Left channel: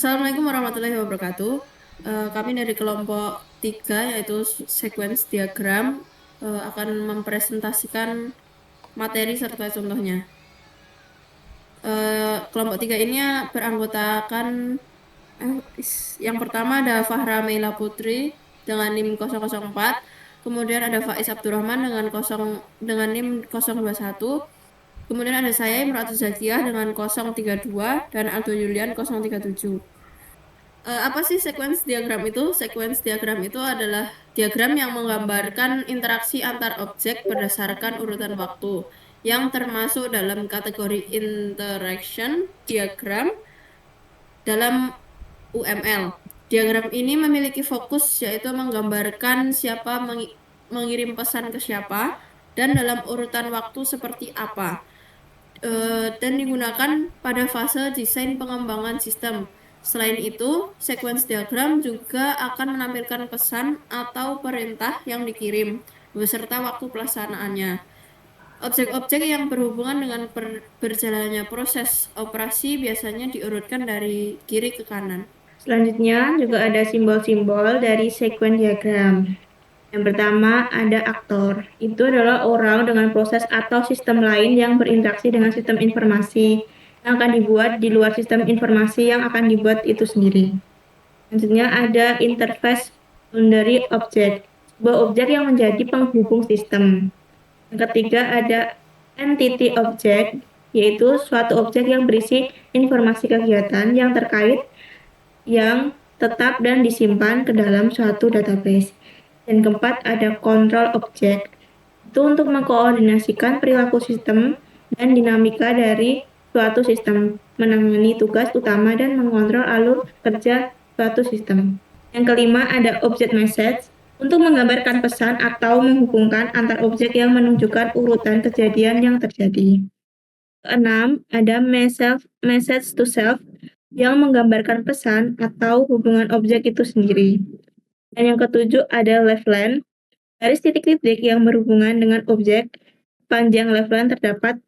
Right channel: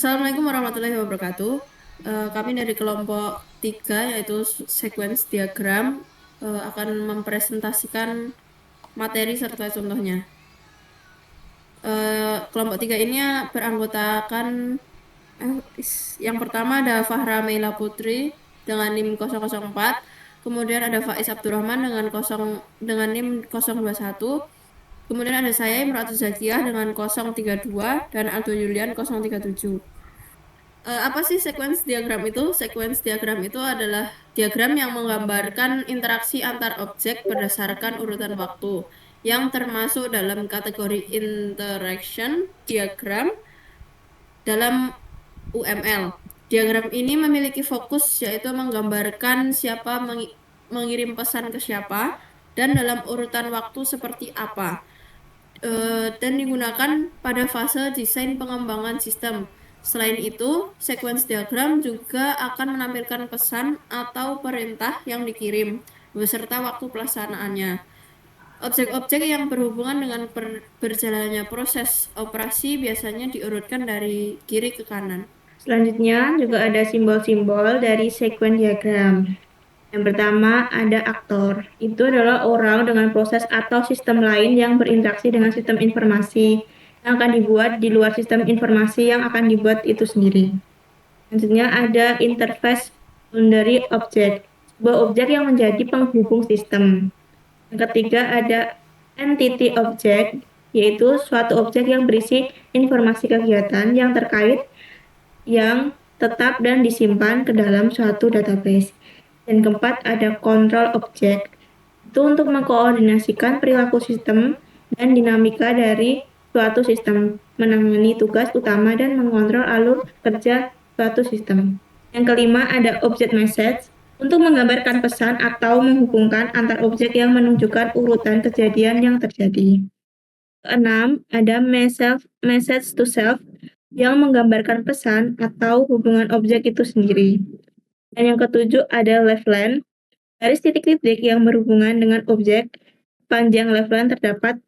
Assalamualaikum warahmatullahi wabarakatuh. Kami dari kelompok 3 yaitu sequence diagram akan mempresentasikan materi serta contohnya. Kelompok 3 ini beranggotakan yang pertama ada Fahra Meila Putri dengan NIM 004, kemudian ada Faiz Abdurrahman dengan NIM 021, kemudian ada saya Imratul Zakiyah dengan 032 dan Aldo Yulian 037. Apa sih sequence diagram itu? Sequence diagram itu adalah diagram yang menggambarkan interaksi antar objek berdasarkan urutan waktu, yang termasuk dalam kategori interaction diagram dalam UML. Diagram ini memiliki fokus yaitu menggambarkan siapa mengirim pesan ke siapa dan dalam urutan waktu seperti apa, dan digunakan pada fase desain pengembangan sistem. Selain itu, sequence diagram juga akan menampilkan pesan atau perintah yang dikirim beserta waktu pelaksanaannya. Objek-objek yang berhubungan dengan berjalannya proses operasi biasanya diurutkan dari kiri ke kanan. Selanjutnya juga ada simbol-simbol dari sequence diagram. Yang pertama ada aktor. Itu adalah orang dengan proses atau sistem lain yang berinteraksi dengan sistem informasi yang akan dibuat di luar sistem informasi yang akan dibuat itu sendiri. Selanjutnya ada interface boundary object, sebuah objek yang menjadi penghubung sistem. Yang ketiga ada entity object, yaitu suatu objek yang berisi informasi kegiatan yang terkait yang tetap dan disimpan ke dalam suatu database. Dan keempat, ada control object. Itu untuk mengkoordinasikan perilaku sistem dan dinamika dari suatu sistem, menangani tugas utama dan mengontrol alur kerja suatu sistem. Yang kelima, ada object message untuk menggambarkan pesan atau menghubungkan antar objek yang menunjukkan urutan kejadian yang terjadi. Keenam, ada message to self yang menggambarkan pesan atau hubungan objek itu sendiri. Dan yang ketujuh ada leftline, garis titik-titik yang berhubungan dengan objek. Panjang leftline terdapat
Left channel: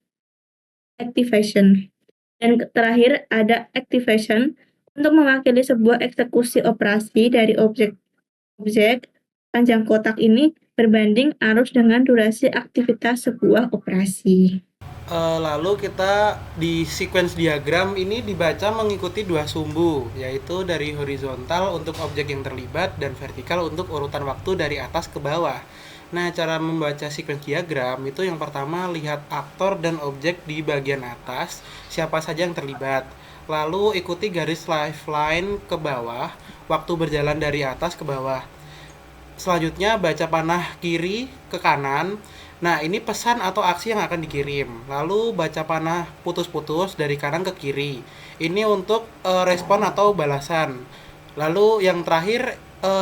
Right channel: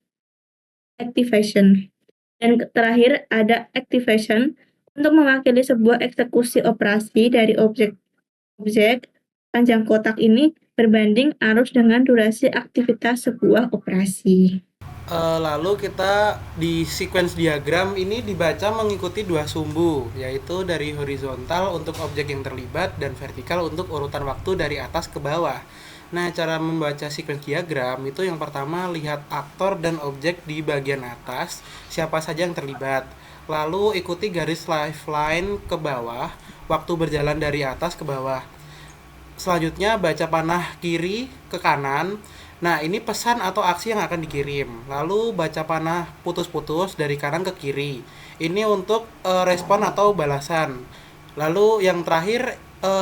activation. Dan terakhir ada activation untuk mewakili sebuah eksekusi operasi dari objek. Panjang kotak ini berbanding arus dengan durasi aktivitas sebuah operasi. Lalu kita di sequence diagram ini dibaca mengikuti dua sumbu, yaitu dari horizontal untuk objek yang terlibat dan vertikal untuk urutan waktu dari atas ke bawah. Nah, cara membaca sequence diagram itu yang pertama lihat aktor dan objek di bagian atas, siapa saja yang terlibat. Lalu ikuti garis lifeline ke bawah, waktu berjalan dari atas ke bawah. Selanjutnya baca panah kiri ke kanan. Nah, ini pesan atau aksi yang akan dikirim. Lalu baca panah putus-putus dari kanan ke kiri. Ini untuk respon atau balasan. Lalu yang terakhir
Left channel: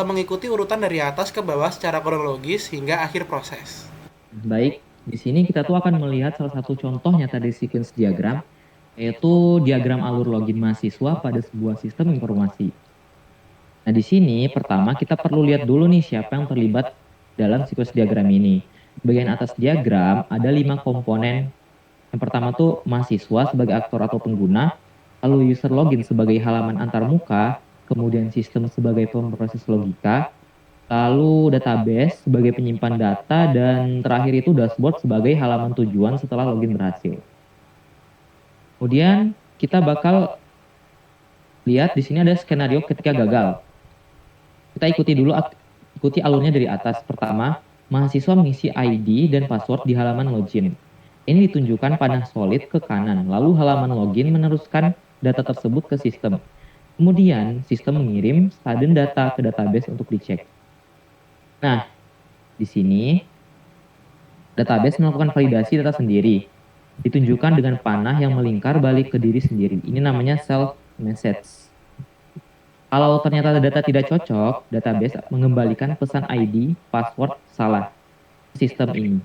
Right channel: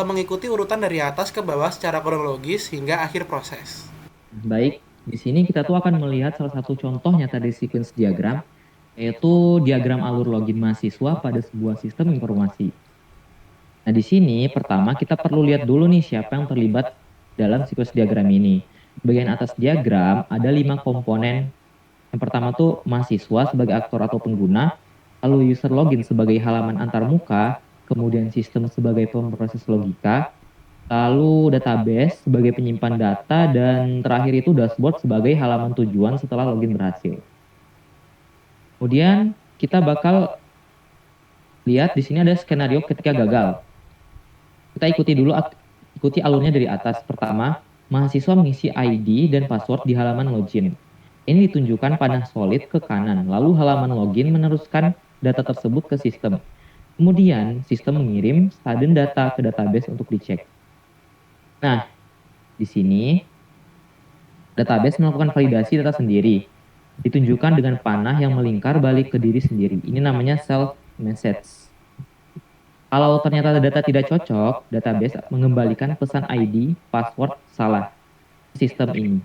mengikuti urutan dari atas ke bawah secara kronologis hingga akhir proses. Baik, di sini kita tuh akan melihat salah satu contoh nyata dari sequence diagram, yaitu diagram alur login mahasiswa pada sebuah sistem informasi. Nah, di sini pertama kita perlu lihat dulu nih siapa yang terlibat dalam sequence diagram ini. Di bagian atas diagram ada 5 komponen. Yang pertama tuh mahasiswa sebagai aktor atau pengguna, lalu user login sebagai halaman antarmuka, kemudian sistem sebagai pemproses logika, lalu database sebagai penyimpan data, dan terakhir itu dashboard sebagai halaman tujuan setelah login berhasil. Kemudian kita bakal lihat di sini ada skenario ketika gagal. Kita ikuti alurnya dari atas. Pertama, mahasiswa mengisi ID dan password di halaman login. Ini ditunjukkan panah solid ke kanan, lalu halaman login meneruskan data tersebut ke sistem. Kemudian, sistem mengirim sudden data ke database untuk dicek. Nah, di sini database melakukan validasi data sendiri, ditunjukkan dengan panah yang melingkar balik ke diri sendiri. Ini namanya self message. Kalau ternyata data tidak cocok, database mengembalikan pesan ID, password salah ke sistem ini.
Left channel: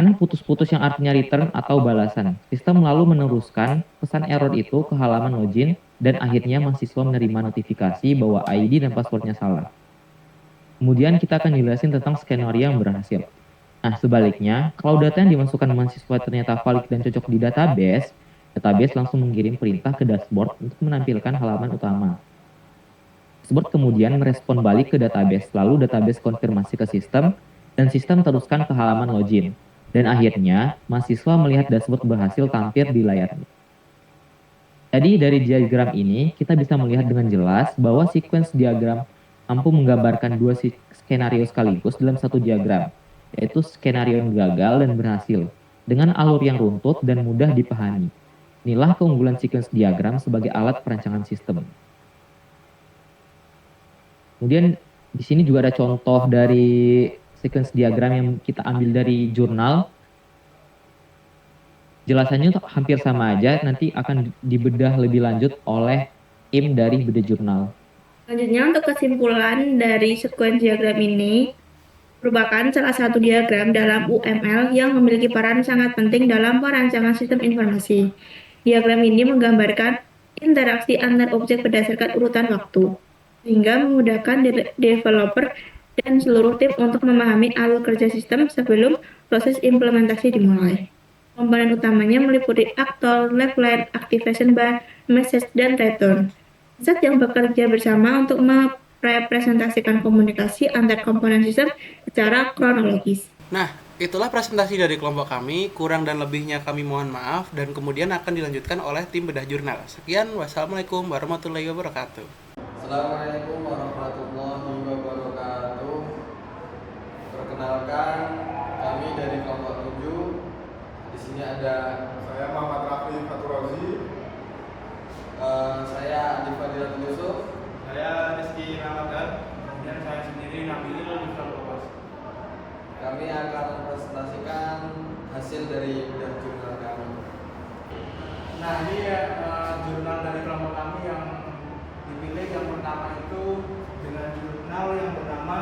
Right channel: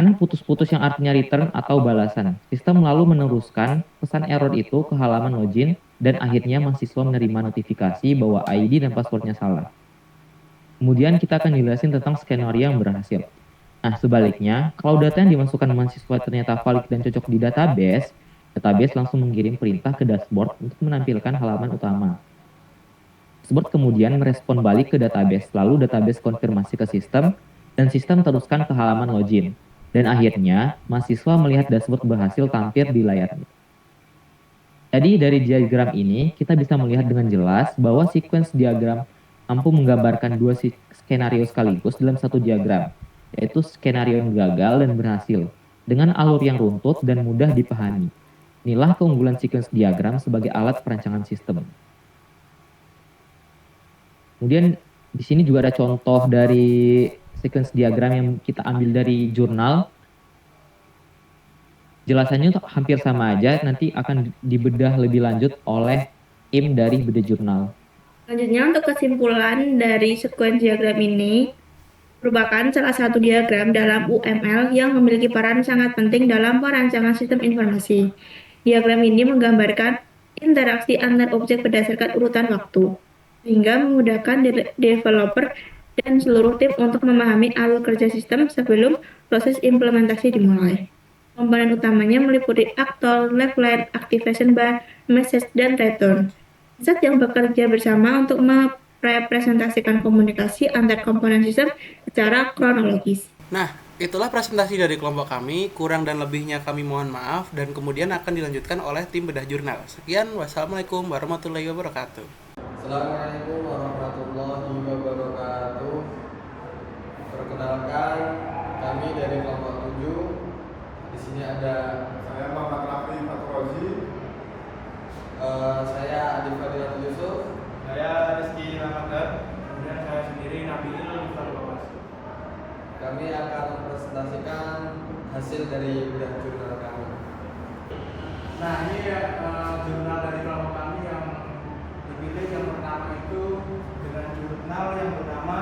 Karena putus-putus yang artinya return atau balasan, sistem lalu meneruskan pesan error itu ke halaman login dan akhirnya mahasiswa menerima notifikasi bahwa ID dan passwordnya salah. Kemudian kita akan jelasin tentang skenario yang berhasil. Nah, sebaliknya, kalau data yang dimasukkan mahasiswa ternyata valid dan cocok di database, Database langsung mengirim perintah ke dashboard untuk menampilkan halaman utama. Dashboard kemudian merespon balik ke database, lalu database konfirmasi ke sistem, dan sistem teruskan ke halaman login. Dan akhirnya, mahasiswa melihat dashboard berhasil tampil di layarnya. Jadi dari diagram ini, kita bisa melihat dengan jelas bahwa sequence diagram mampu menggambarkan dua skenario sekaligus dalam satu diagram, yaitu skenario yang gagal dan berhasil, dengan alur yang runtut dan mudah dipahami. Inilah keunggulan sequence diagram sebagai alat perancangan sistem. Kemudian di sini juga ada contoh dari sequence diagram yang kita ambil dari jurnal. Jelasannya tuh hampir sama aja, nanti akan dibedah lebih lanjut oleh tim dari Bedah Jurnal. Selanjutnya untuk kesimpulan dari sequence diagram ini merupakan salah satu diagram dalam UML yang memiliki peran sangat penting dalam perancangan sistem informasi. Diagram ini menggambarkan interaksi antar objek berdasarkan urutan waktu, sehingga memudahkan developer dan seluruh tim untuk memahami alur kerja sistem sebelum proses implementasi dimulai. Komponen utamanya meliputi aktor, left line, activation bar, message, dan return. Zat yang bekerja bersama untuk merepresentasikan komunikasi antar komponen sistem secara kronologis. Nah, itulah presentasi dari kelompok kami. Kurang dan lebihnya kami mohon maaf, dan kemudian akan dilanjutkan oleh tim Bedah Jurnal. Sekian, wassalamualaikum warahmatullahi wabarakatuh. Assalamualaikum warahmatullahi wabarakatuh. Perkenalkan, kami dari kelompok 7. Di sini ada Saya Muhammad Rafi Faturozi. saya Adif Fadilatul Yusuf. Saya Rizky Ramadan. Kemudian saya sendiri Nabil Lubas. Kami akan mempresentasikan hasil dari bedah jurnal kami. Nah, ini jurnal dari kelompok kami yang dipilih. Yang pertama itu dengan jurnal yang bernama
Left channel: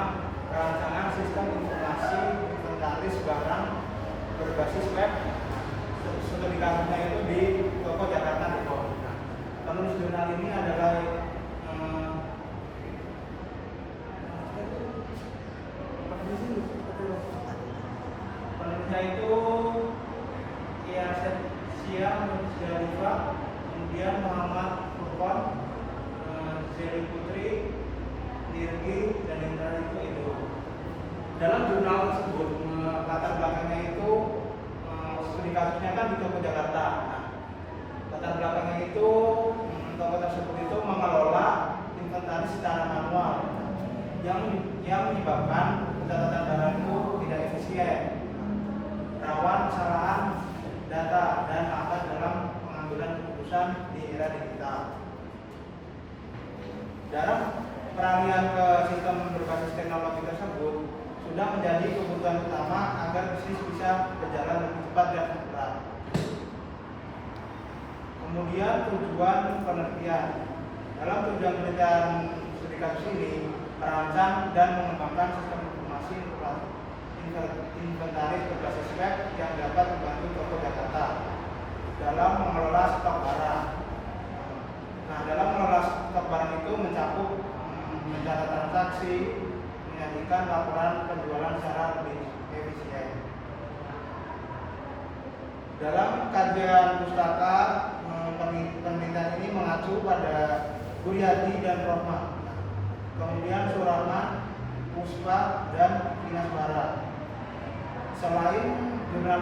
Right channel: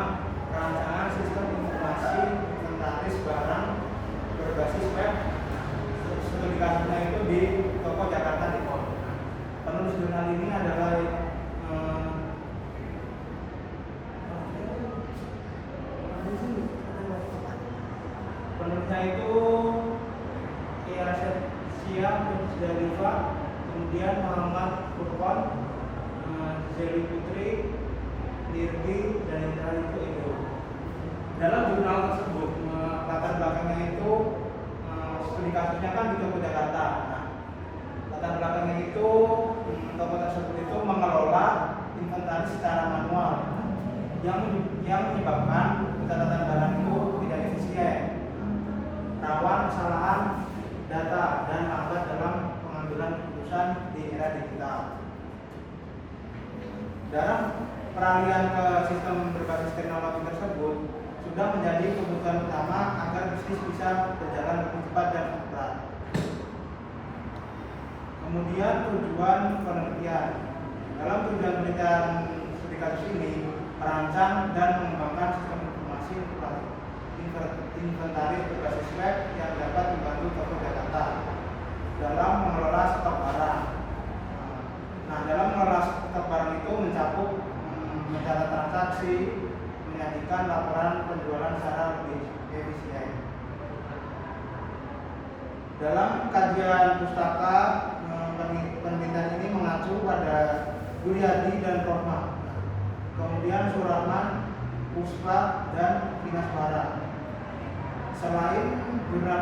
Perancangan Sistem Informasi Inventaris Barang Berbasis Web. Publikasinya itu di Toko Jakarta Depok. Penulis jurnal ini adalah penulisnya itu Siam Musdalifah, kemudian Muhammad Furqon, Zeli Putri, Dirgi, dan Indra itu Edo. Dalam jurnal tersebut latar belakangnya itu studi kasusnya kan di Toko Jakarta. Nah, latar belakangnya itu toko tersebut itu mengelola inventaris secara manual yang menyebabkan pencatatan barang itu tidak efisien, rawan kesalahan data, dan lambat dalam pengambilan keputusan di era digital. Dalam peralihan ke sistem berbasis teknologi tersebut sudah menjadi kebutuhan utama agar bisnis bisa berjalan lebih cepat dan akurat. Kemudian tujuan penelitian. Dalam tujuan penelitian studi kasus ini merancang dan mengembangkan sistem informasi inventaris berbasis web yang dapat membantu Toko Jakarta dalam mengelola stok barang. Nah, dalam mengelola stok barang itu mencakup mencatat transaksi, menyajikan laporan penjualan secara lebih efisien. Dalam kajian pustaka, penelitian ini mengacu pada Guryadi dan Rohma, kemudian Surahman, Puspa, dan Dinas Barang. Selain jurnal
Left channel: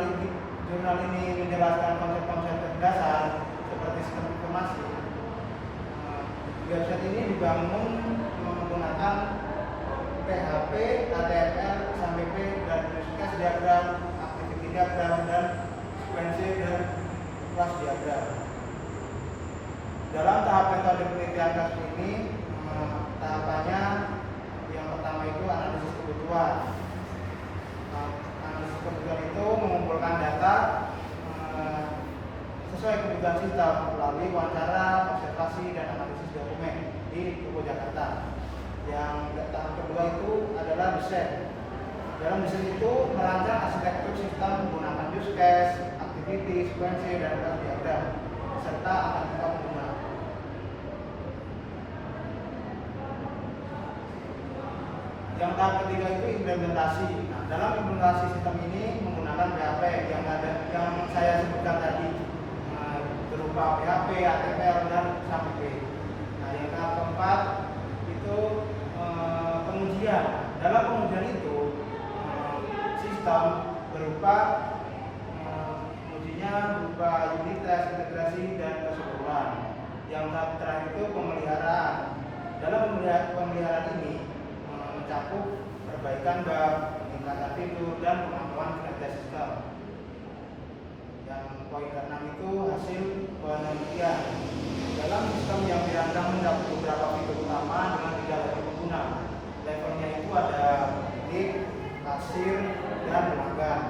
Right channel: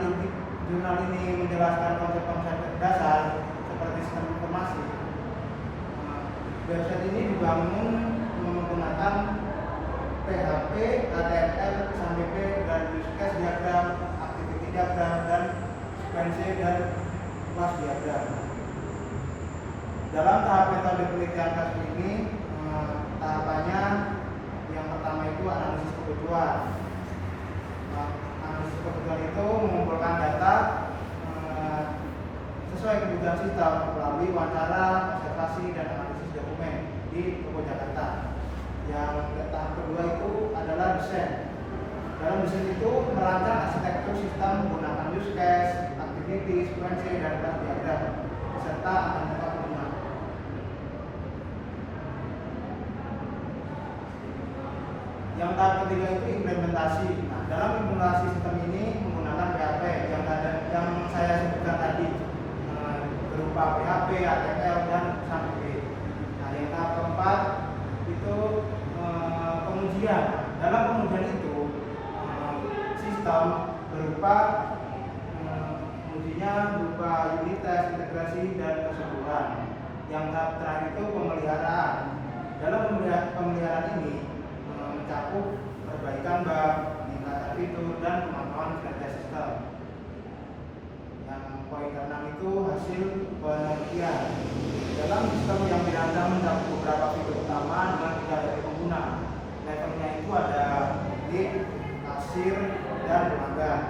ini menjelaskan konsep-konsep dasar seperti sistem informasi, website ini dibangun menggunakan PHP, HTML, SAMPP, dan use case diagram, activity diagram, dan sequence dan class diagram. Dalam tahap metode penelitian kasus ini, tahapannya yang pertama itu analisis kebutuhan. Analisis kebutuhan itu mengumpulkan data sesuai kebutuhan sistem melalui wawancara, observasi, dan analisis dokumen di Toko Jakarta. Yang tahap kedua itu adalah desain. Dalam desain itu merancang arsitektur sistem menggunakan use case, activity, sequence, dan class diagram serta analitika pengguna. Yang tahap ketiga itu implementasi. Nah, dalam implementasi sistem ini menggunakan PHP yang saya sebutkan tadi, berupa PHP, ATL, dan sampai. Nah, yang tahap keempat itu pengujian. Dalam pengujian itu sistem berupa ujinya berupa unit tes, integrasi, dan keseluruhan. Yang tahap terakhir itu pemeliharaan. Dalam pemeliharaan ini mencakup perbaikan bug, peningkatan fitur, dan pengamanan kinerja sistem. Yang poin ke-6 itu hasil penelitian. Dalam sistem yang dirancang mencakup beberapa fitur utama dengan 3 level pengguna. Levelnya itu ada lead, kasir, dan pelanggan.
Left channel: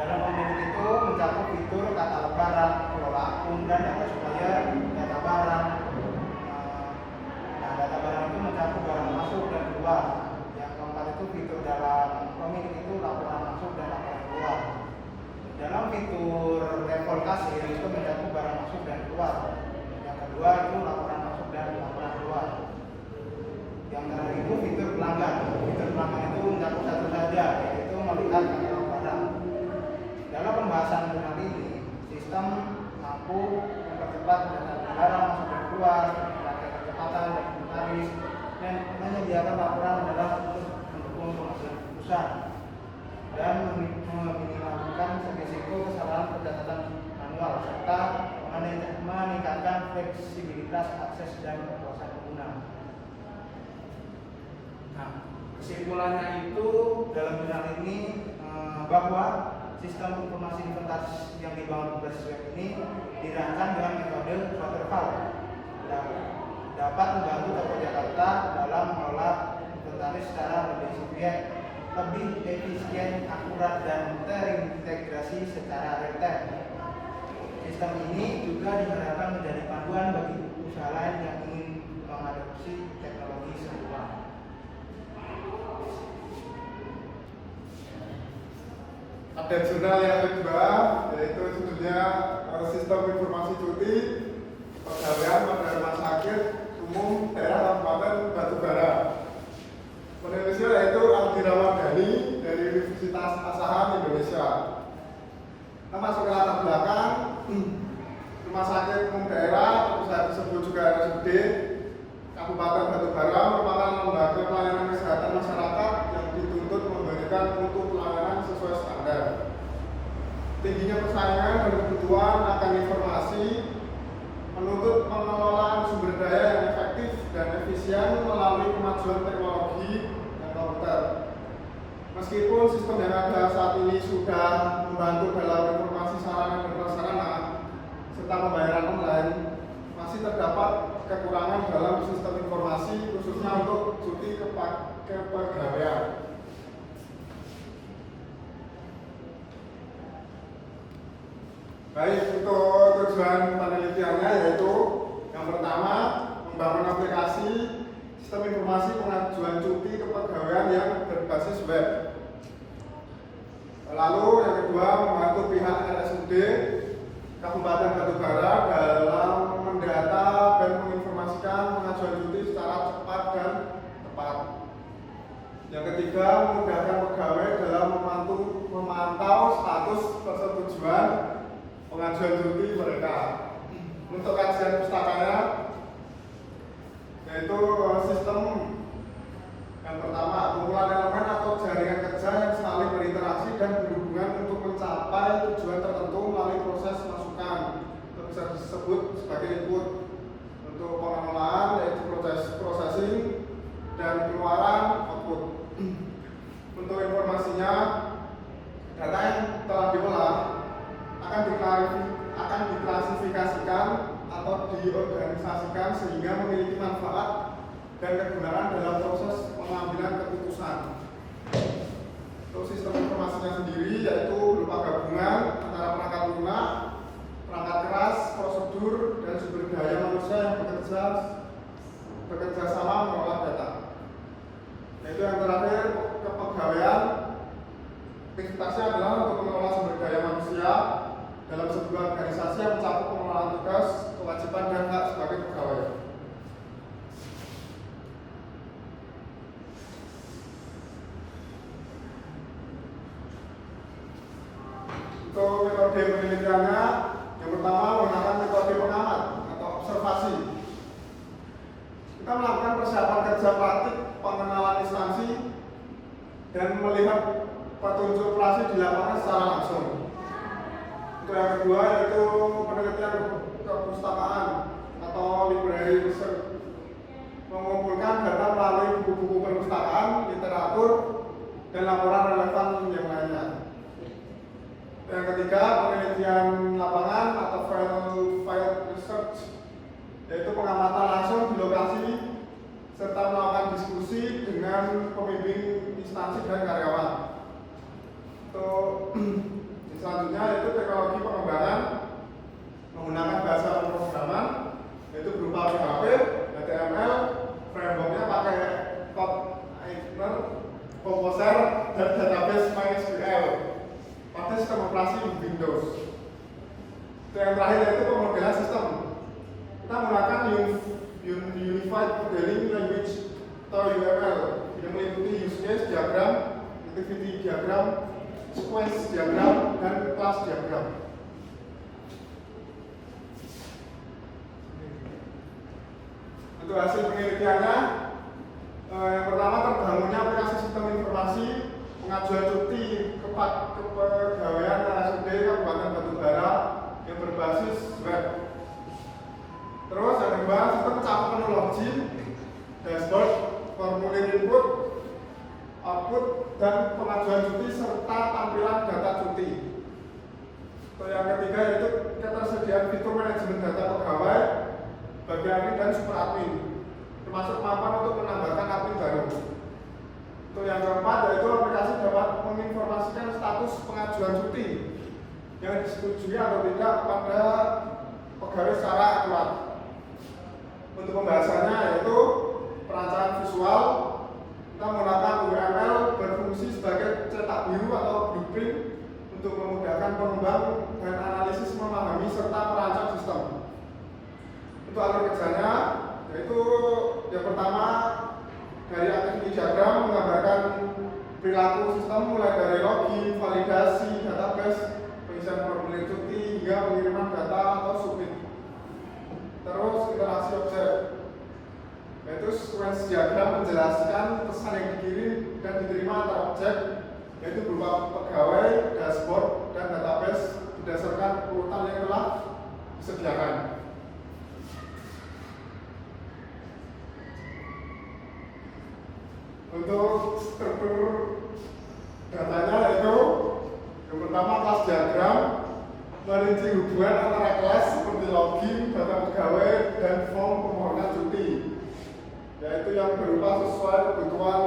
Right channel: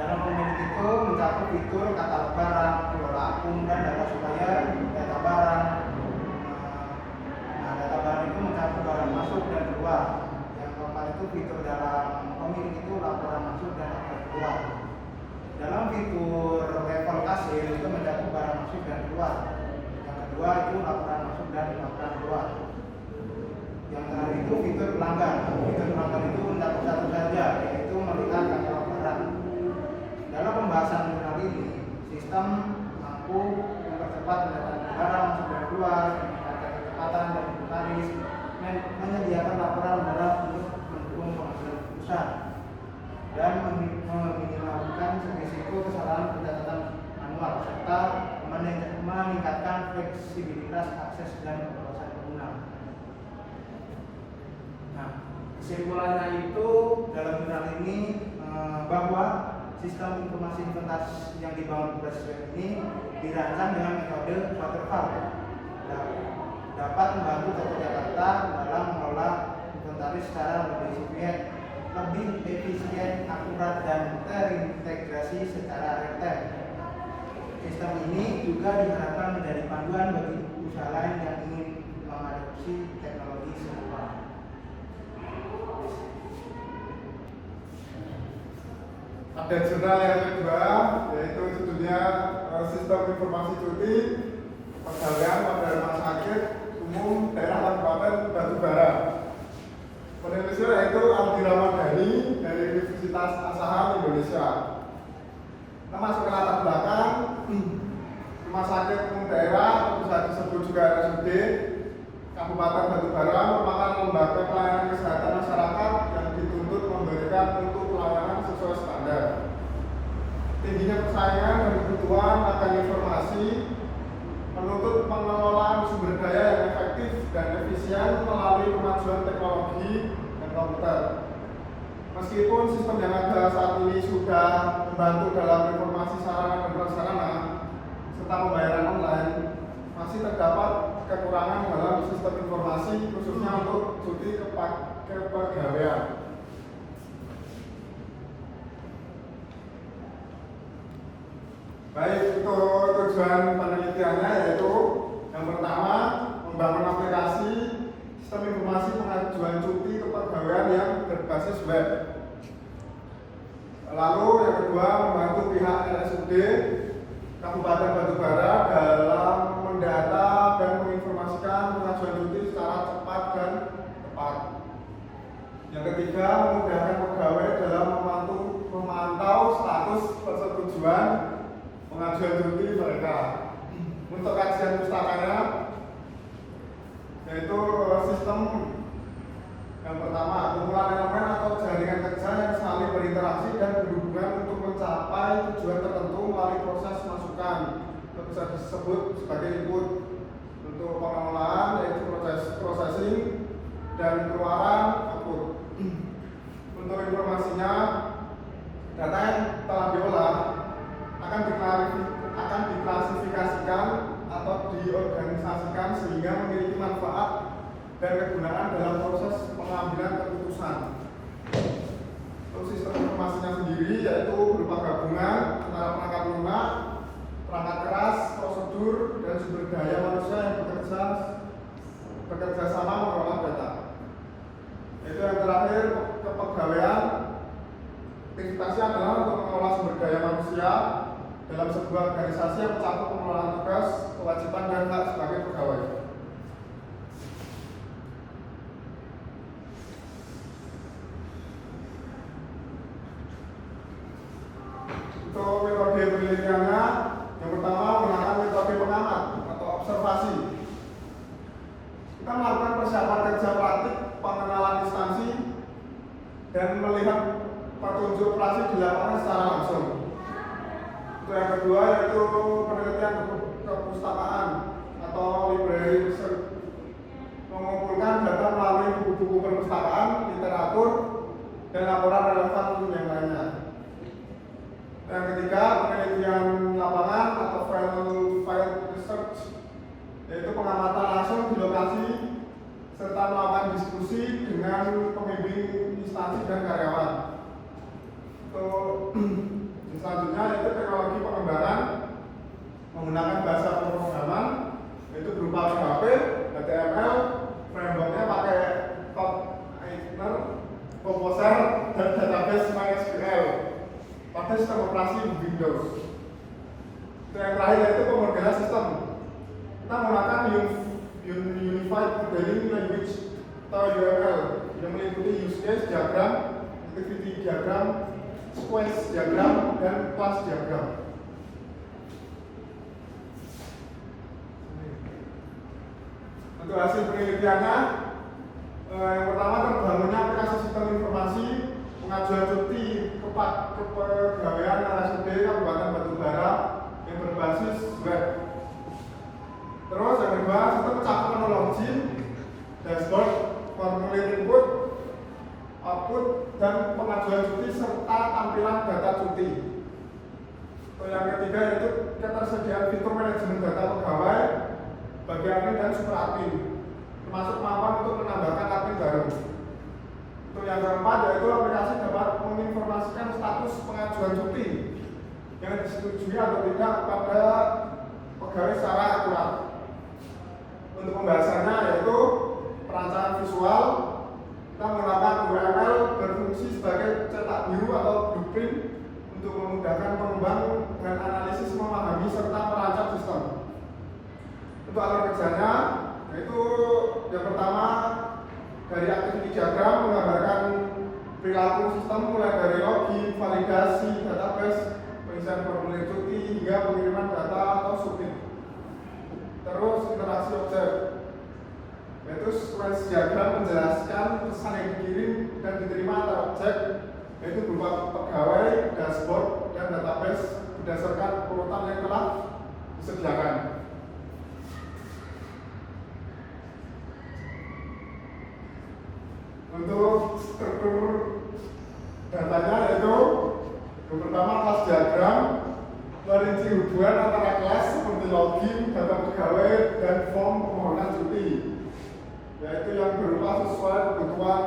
Dalam pemilik itu mencakup fitur katalog barang, kelola akun, dan data supaya data barang. Nah, data barang itu mencakup barang masuk dan keluar. Yang keempat itu fitur dalam pemilik itu laporan masuk dan laporan keluar. Dalam fitur level kasir itu mencakup barang masuk dan keluar. Yang kedua itu laporan masuk dan laporan keluar. Yang terakhir itu fitur pelanggan. Fitur pelanggan itu mencakup satu saja, yaitu melihat katalog barang. Dalam pembahasan mengenal ini, sistem mampu mempercepat pendataan barang masuk dan keluar, meningkatkan kecepatan dan inventaris, dan menyediakan laporan adalah untuk mendukung pengambilan keputusan dan meminimalkan risiko kesalahan pencatatan manual serta meningkatkan fleksibilitas akses dan kekuasaan pengguna. Nah, kesimpulannya itu dalam jurnal ini bahwa sistem informasi inventaris yang dibangun berbasis web ini dirancang dengan metode waterfall, dapat membantu Toko Jakarta dalam mengelola inventaris secara lebih efisien, akurat, dan terintegrasi secara real time. Sistem ini juga diharapkan menjadi panduan bagi usaha lain yang ingin mengadopsi teknologi serupa. Ada jurnal yang kedua, yaitu judulnya Sistem Informasi Cuti Pegawaian pada Rumah Sakit Umum Daerah Kabupaten Batubara. Penulisnya yaitu Aldi Ramadhani dari Universitas Asahan Indonesia. Kita masuk ke latar belakang. Rumah Sakit Umum Daerah, bisa disebut juga RSUD Kabupaten Batubara, merupakan lembaga pelayanan kesehatan masyarakat yang dituntut memberikan mutu pelayanan sesuai standar. Tingginya persaingan dan kebutuhan akan informasi menuntut pengelolaan sumber daya yang efektif dan efisien melalui kemajuan teknologi dan komputer. Meskipun sistem yang ada saat ini sudah membantu dalam informasi sarana dan prasarana serta pembayaran online, masih terdapat kekurangan dalam sistem informasi khususnya untuk cuti kepegawaian. Baik, untuk tujuan penelitiannya yaitu yang pertama, membangun aplikasi sistem informasi pengajuan cuti kepegawaian yang berbasis web. Lalu yang kedua, membantu pihak RSUD Kabupaten Batubara dalam mendata dan menginformasikan pengajuan cuti secara cepat dan tepat. Yang ketiga, memudahkan pegawai dalam memantau status persetujuan pengajuan cuti mereka. Untuk kajian pustakanya, yaitu sistem yang pertama, kumpulan elemen atau jaringan kerja yang saling berinteraksi dan berhubungan untuk mencapai tujuan tertentu melalui proses masukan, atau bisa disebut sebagai input. Untuk pengelolaan yaitu proses processing dan keluaran output. Untuk informasinya, data yang telah diolah akan diklasifikasikan atau diorganisasikan sehingga memiliki manfaat dan kegunaan dalam proses pengambilan keputusan. Untuk sistem informasinya sendiri yaitu berupa gabungan antara perangkat lunak, perangkat keras, prosedur, dan sumber daya manusia yang bekerja sama mengolah data. Yaitu yang terakhir, kepegawaian. Aktivitasnya adalah untuk mengelola sumber daya manusia dalam sebuah organisasi yang mencakup pengelolaan tugas, kewajiban, dan hak sebagai pegawai. Untuk metode penelitiannya, yang pertama menggunakan metode pengamat. kita melakukan persiapan kerja praktik pengenalan instansi dan melihat petunjuk operasi di lapangan secara langsung. Untuk yang kedua yaitu penelitian kepustakaan atau library research, mengumpulkan data melalui buku-buku perpustakaan, literatur, dan laporan relevan yang lainnya. Yang ketiga, penelitian lapangan atau field research, yaitu pengamatan langsung di lokasi serta melakukan diskusi dengan pembimbing instansi dan karyawan. Untuk selanjutnya yaitu teknologi pengembangan menggunakan bahasa pemrograman, yaitu berupa PHP, HTML, frameworknya pakai Kotlin, Composer, dan database MySQL pada sistem operasi Windows. Yang terakhir yaitu pemodelan sistem. Kita menggunakan Unified Modeling Language atau UML yang meliputi use case diagram, activity diagram, sequence diagram, dan class diagram. Untuk hasil penelitiannya, yang pertama terbangunnya aplikasi sistem informasi pengajuan cuti kepegawaian RSUD Kabupaten Batubara yang berbasis web. Terus yang kedua, sistem campuran login, dashboard, formulir input, output, dan pengajuan cuti serta tampilan data cuti. Yang ketiga yaitu ketersediaan fitur manajemen data pegawai bagi admin dan super admin, termasuk kemampuan untuk menambahkan admin baru. Untuk yang keempat yaitu aplikasi dapat menginformasikan status pengajuan cuti yang disetujui atau tidak pada pegawai secara akurat. Untuk pembahasannya yaitu perancangan visual, kita menggunakan UML berfungsi sebagai cetak biru atau blueprint untuk memudahkan pengembang dan analisis memahami serta merancang sistem. Untuk alur kerjanya yaitu yang pertama dari activity diagram menggambarkan perilaku sistem mulai dari login, validasi, database, pengisian formulir cuti hingga pengiriman data atau submit. Terus interaksi objek yaitu sequence diagram menjelaskan pesan yang dikirim dan diterima antar objek, yaitu berupa pegawai, dashboard, dan database berdasarkan urutan yang telah disediakan. Untuk struktur datanya yaitu yang pertama kelas diagram merinci hubungan antara kelas seperti login, data pegawai, dan form permohonan cuti, yaitu yang berupa sesuai kebutuhan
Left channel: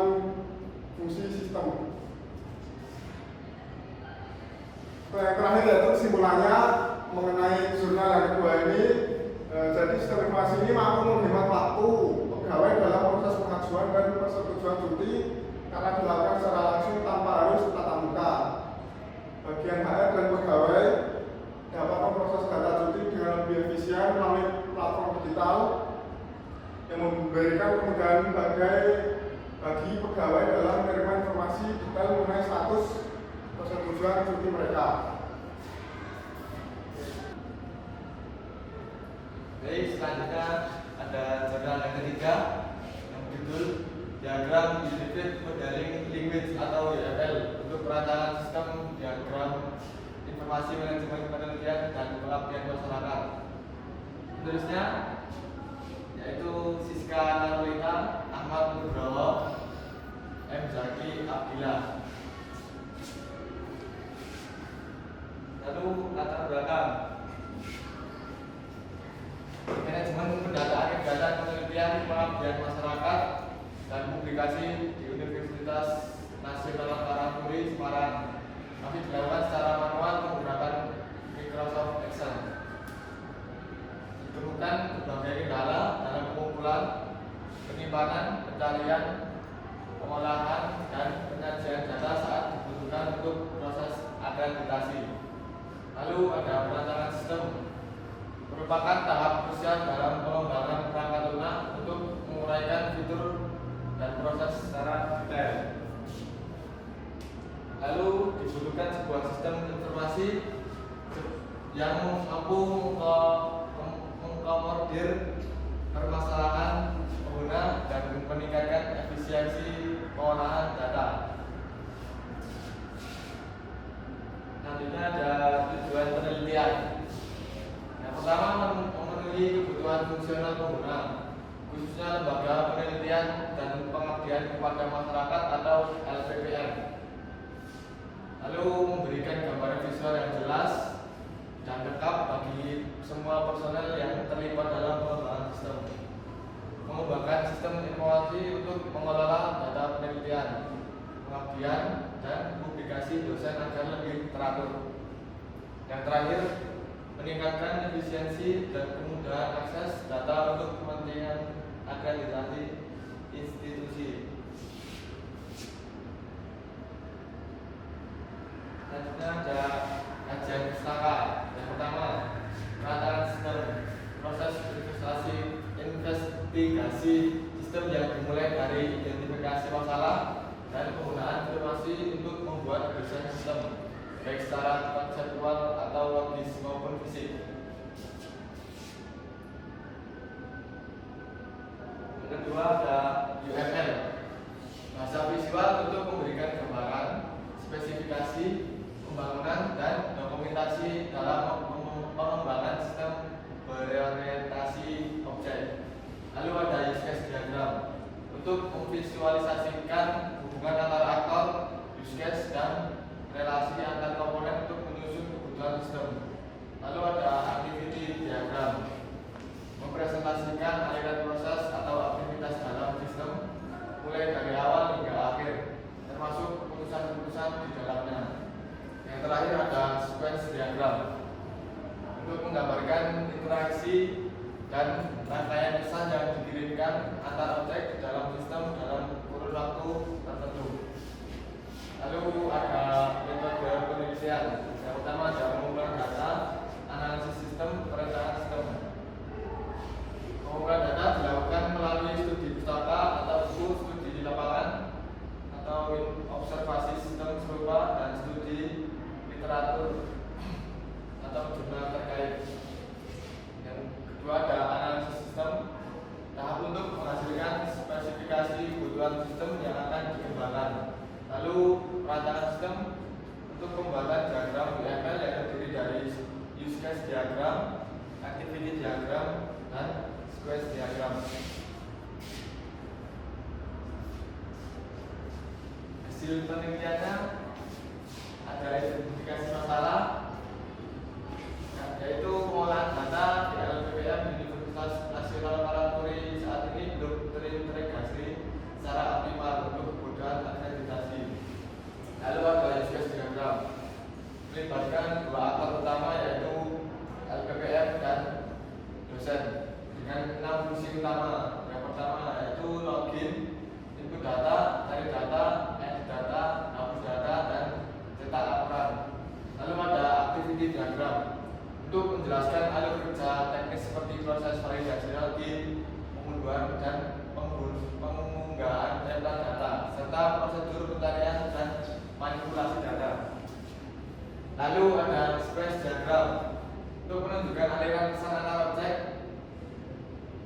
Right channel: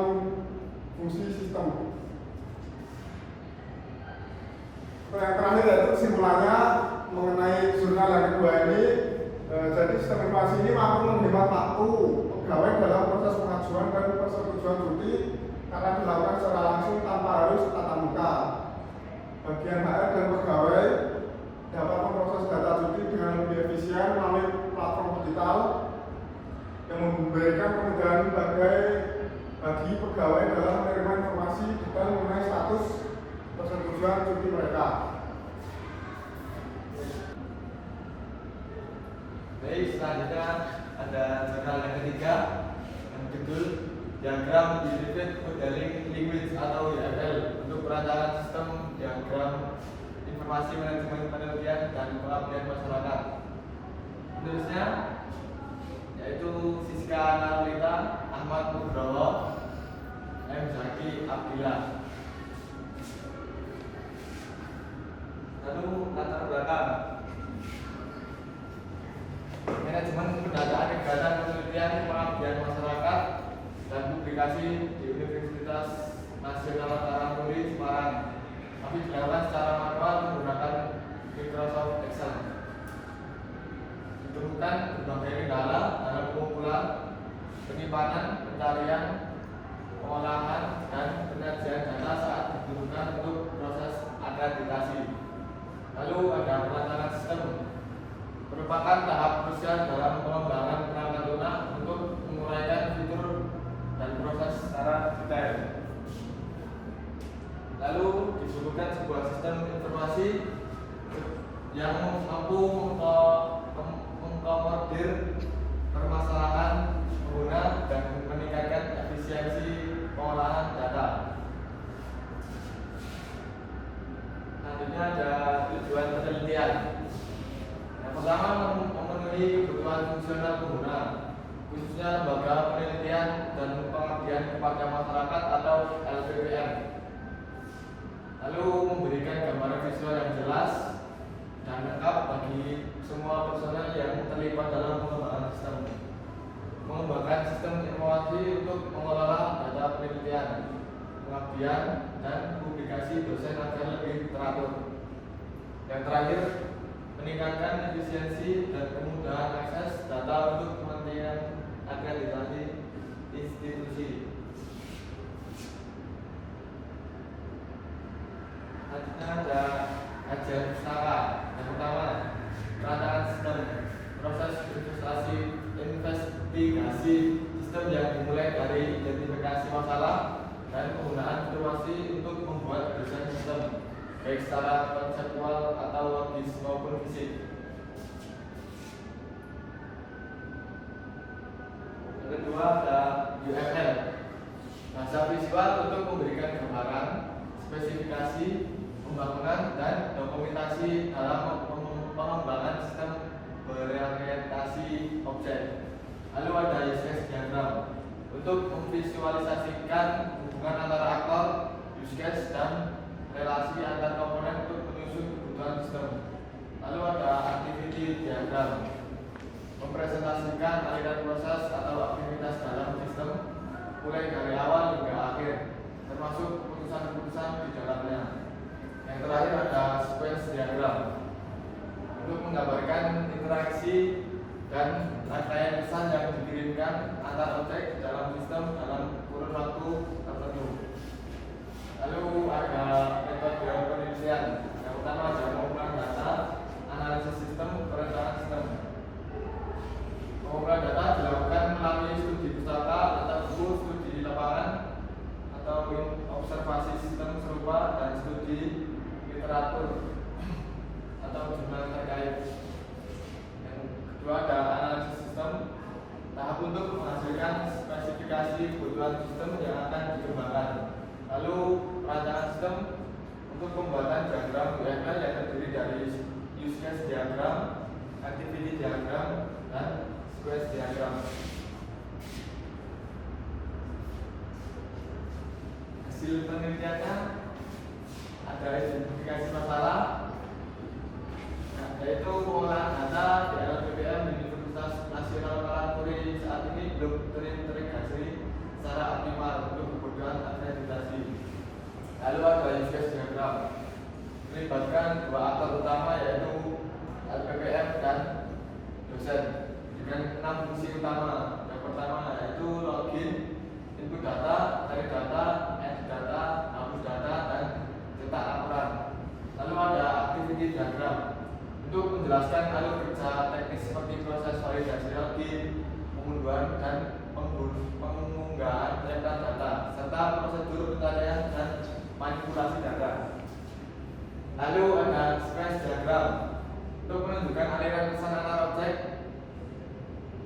fungsi sistem. Yang terakhir yaitu kesimpulannya mengenai jurnal yang kedua ini. Jadi sistem informasi ini mampu menghemat waktu pegawai dalam proses pengajuan dan persetujuan cuti karena dilakukan secara langsung tanpa harus tatap muka. Bagian HR dan pegawai dapat memproses data cuti dengan lebih efisien melalui platform digital yang memberikan kemudahan bagi pegawai dalam menerima informasi detail mengenai status persetujuan cuti mereka. Baik, selanjutnya ada jurnal yang ketiga yang judul Diagram Unified Modeling Language atau UML untuk perancangan sistem diagram informasi manajemen penelitian dan pengabdian masyarakat. Penulisnya yaitu Siska Narlita, Ahmad Nugroho, M. Zaki Abdillah. Lalu latar belakang manajemen pendataan kegiatan penelitian pengabdian masyarakat dan publikasi di Universitas Nasional Taranuri Semarang, tapi dilakukan secara manual menggunakan Microsoft Excel. Ditemukan berbagai kendala dalam pengumpulan, penyimpanan, pencarian, pengolahan, dan penyajian data saat dibutuhkan untuk proses akreditasi. Lalu ada perancangan sistem, merupakan tahap krusial dalam pengembangan perangkat lunak untuk menguraikan fitur dan proses secara detail. Lalu dibutuhkan sebuah sistem informasi yang mampu mengkomodir permasalahan pengguna profesional pengguna, khususnya lembaga penelitian dan pengabdian kepada masyarakat atau LPPM. Lalu memberikan gambaran visual yang jelas dan lengkap bagi semua personel yang terlibat dalam pengembangan sistem. Mengembangkan sistem informasi untuk mengelola data penelitian, pengabdian, dan publikasi dosen agar lebih teratur. Yang terakhir, meningkatkan efisiensi dan kemudahan akses data untuk kepentingan akreditasi institusi. Selanjutnya ada kajian pustaka. Yang pertama, penataan sistem, proses investigasi sistem yang dimulai dari identifikasi masalah dan penggunaan informasi untuk membuat desain sistem, baik secara konseptual atau logis maupun fisik. Yang kedua ada UML, bahasa visual untuk memberikan gambaran, spesifikasi, pembangunan, dan dokumentasi dalam pengembangan sistem berorientasi objek. Lalu ada use case diagram untuk memvisualisasikan hubungan antara aktor, use case, dan relasi antar komponen untuk menyusun kebutuhan sistem. Lalu ada activity diagram, mempresentasikan aliran proses atau aktivitas dalam sistem mulai dari awal hingga akhir, termasuk keputusan-keputusan di dalamnya. Yang terakhir ada sequence diagram untuk menggambarkan interaksi dan rangkaian pesan yang dikirimkan antar objek dalam sistem dalam kurun waktu tertentu. Lalu ada metode penelitian. Yang pertama ada pengumpulan data, analisis sistem, perencanaan sistem. Pengumpulan data dilakukan melalui studi pustaka atau studi di lapangan atau observasi sistem serupa dan studi literatur atau jurnal terkait. Yang kedua ada analisis sistem, tahap untuk menghasilkan spesifikasi kebutuhan sistem yang akan dikembangkan. Lalu perancangan sistem untuk pembuatan diagram UML yang terdiri dari use case diagram, activity diagram, dan sequence diagram. Hasil penelitiannya ada identifikasi masalah, yaitu pengolahan data di LPPM Universitas Nasional Parangturi saat ini belum terintegrasi secara optimal untuk kebutuhan akreditasi. Lalu ada use case diagram, melibatkan dua aktor utama yaitu LPPM dan dosen dengan 6 fungsi utama. Yang pertama yaitu login, input data, cari data, edit data, hapus data, dan cetak laporan. Lalu ada activity diagram untuk menjelaskan alur kerja teknis seperti proses validasi login, pengunduhan dan pengunggahan data, serta prosedur pencarian dan manipulasi data. Lalu ada sequence diagram untuk menunjukkan aliran pesan antar objek,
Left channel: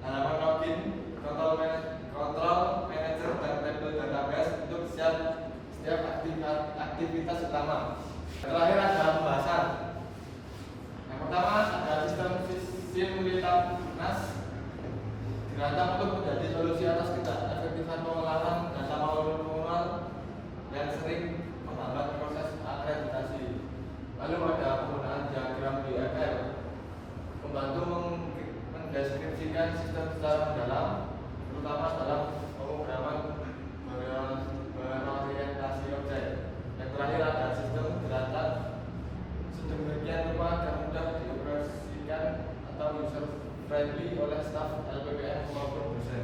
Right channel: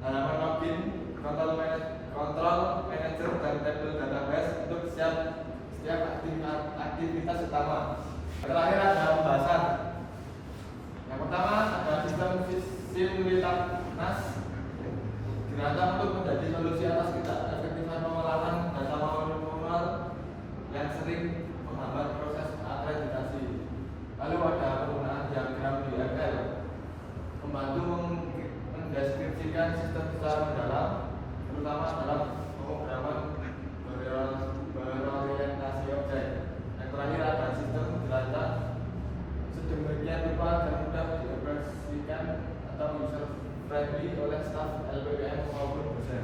halaman login, kontrol manager, dan table database untuk setiap aktivitas utama. Terakhir ada pembahasan. Yang pertama ada sistem Simultaneous dirancang untuk menjadi solusi atas ketidakefektifan pengolahan data manual yang sering menghambat proses akreditasi. Lalu ada penggunaan diagram UML membantu mendeskripsikan sistem secara mendalam, terutama dalam pemrograman berorientasi objek. Yang terakhir ada sistem dirancang sedemikian rupa dan mudah dioperasikan atau user friendly oleh staf LPPM maupun dosen.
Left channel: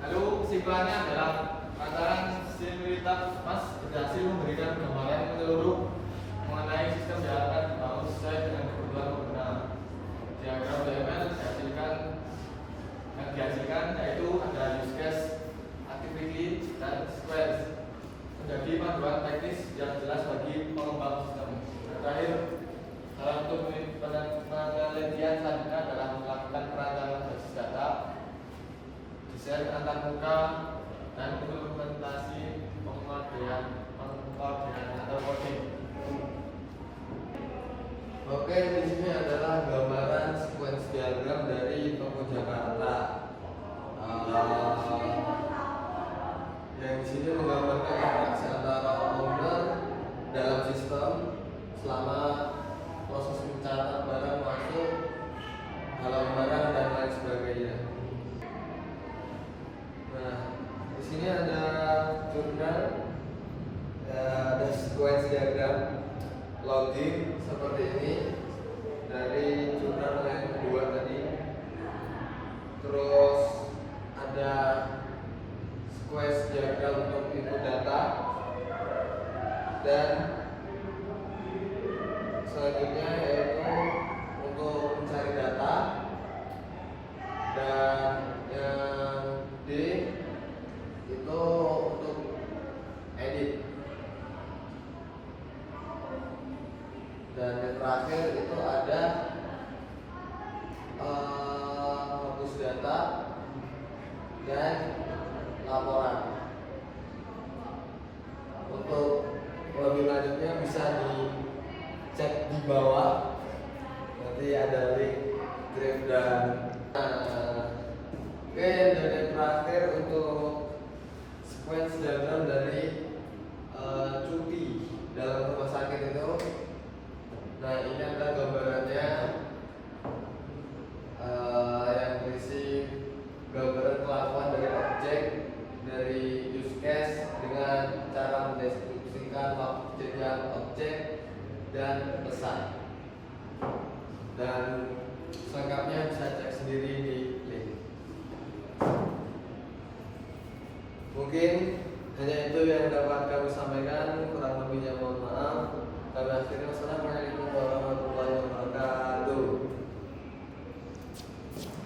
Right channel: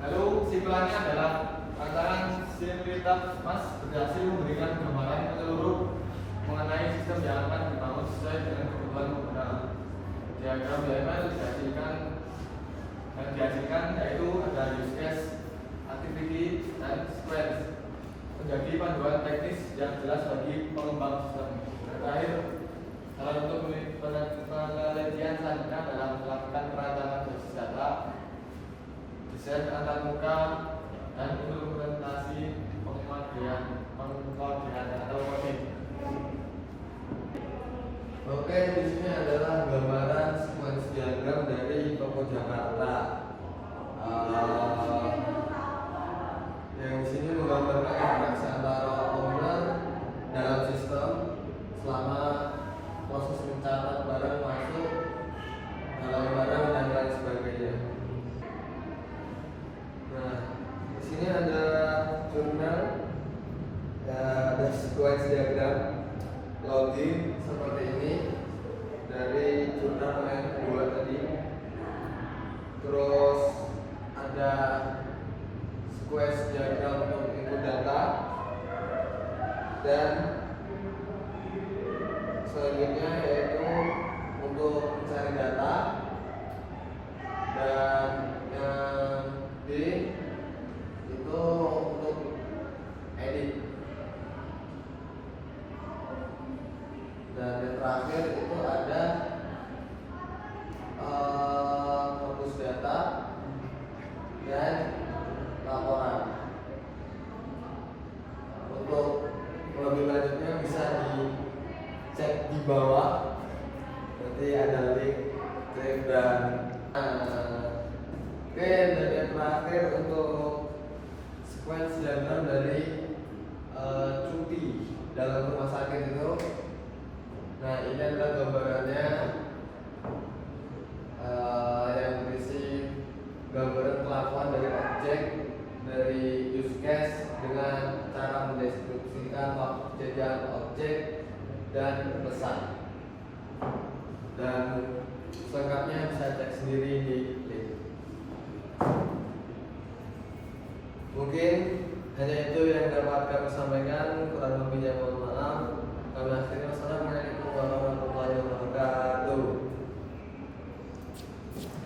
Lalu kesimpulannya adalah rancangan Simultaneous berhasil memberikan gambaran menyeluruh mengenai sistem yang akan dibangun sesuai dengan kebutuhan pengguna. Diagram UML dihasilkan yaitu ada use case, activity, dan sequence menjadi panduan teknis yang jelas bagi pengembang sistem. Dan terakhir, salah satu penelitian selanjutnya adalah melakukan perancangan basis data, desain antarmuka, dan implementasi pengkodean atau coding. Oke, di sini adalah gambaran sequence diagram dari Toko Jakarta. Yang di sini menggambarkan interaksi antara owner dalam sistem selama proses mencatat barang masuk, halau barang dan lain sebagainya. Nah, di sini ada jurnal, ada sequence diagram login seperti ini dari jurnal yang kedua tadi. Terus ada sequence diagram untuk input data, dan selanjutnya yaitu untuk mencari data, dan yang D itu untuk edit, dan yang terakhir itu ada fokus data dan laporan. Untuk lebih lanjutnya bisa dicek di bawah, nanti ada link dan oke, dan yang terakhir untuk sequence diagram dari cuti dalam rumah sakit itu. Nah, ini adalah gambarannya yang berisi gambaran kelakuan dari objek dari use case dengan cara mendeskripsikan waktu jejak objek dan pesan. Dan selengkapnya bisa cek sendiri di link. Mungkin hanya itu yang dapat kami sampaikan, kurang lebihnya mohon maaf. Kami akhirnya